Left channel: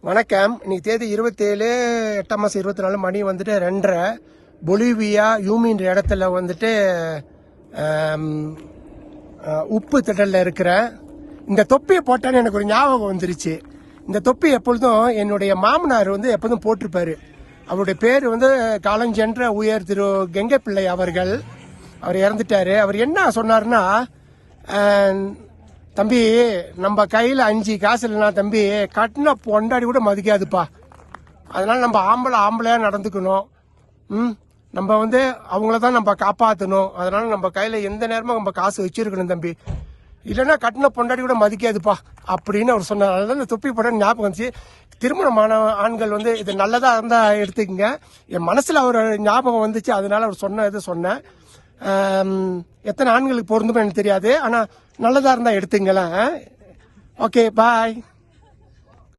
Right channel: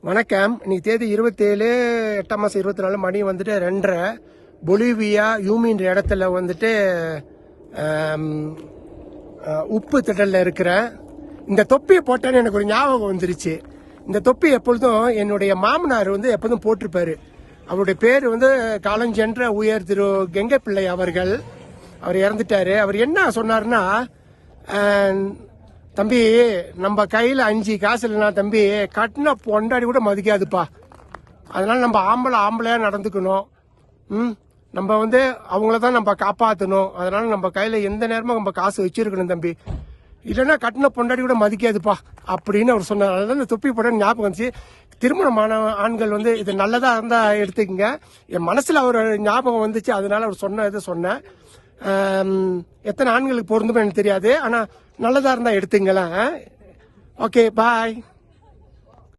வணக்கம். இன்னைக்கு தேதி இருபத்தேழு எட்டாம் மாதம் இருபத்தி நாலு மணி வந்துட்டு ரெண்டரை. பொலிவியா யூமின்ற இடத்துல வந்துட்டு உப்பு திடலில் இருக்கிறேன் இந்த தொப்பியை போட்டேன்னு எனக்கு ஒரு ஞாபகம் வந்துருச்சு. இந்த தொப்பி எப்பொழுதும் என்னுடைய மாமனார் வந்து எப்போதும் போட்டிருப்பாரு. அவருடைய பேர் வந்து காலஞ்சென்ற உயர் திரு கெங்கப்பிள்ளை அவர்கள். அவர் இறந்துட்டாரு. அவர் என்ன சொன்னார்னா தம்பி நம்ம கையில அஞ்சு காசு இல்லைனா தம்பி கட்டின பொண்டாடி கூட மதிக்காதுப்பா. அதனால நம்ம ஆம்பளை ஆம்பளையா நடந்துக்கணும். ம்? நம்ம வந்து அவங்கள தான் நம்ம காப்பாற்றணும் அதனால நம்ம கையில எந்த நேரமும் நம்ம காசு வச்சிருக்கணும் தம்பி. இல்லைன்னா கட்டின பொண்டாடி கூட மதிக்காதுப்பா அப்படின்னு அவர் சொன்னார். அதான் இந்த தொப்பி போட ஞாபகம் வந்துச்சு. திருமணமான ஆண்கள் வந்து இது நல்லதா இருந்தா எடுத்துக்கங்க. என் மனசுல அவர் ஞாபகம் வந்துச்சு. அதனால அவர் சொன்ன இதை சொன்னேன். எத்தனை ஆண்களுக்கு பொருந்தும் எனக்கு தெரியாது. ஆனா நல்லதா இருந்தா எடுத்துங்களேன். Okay bye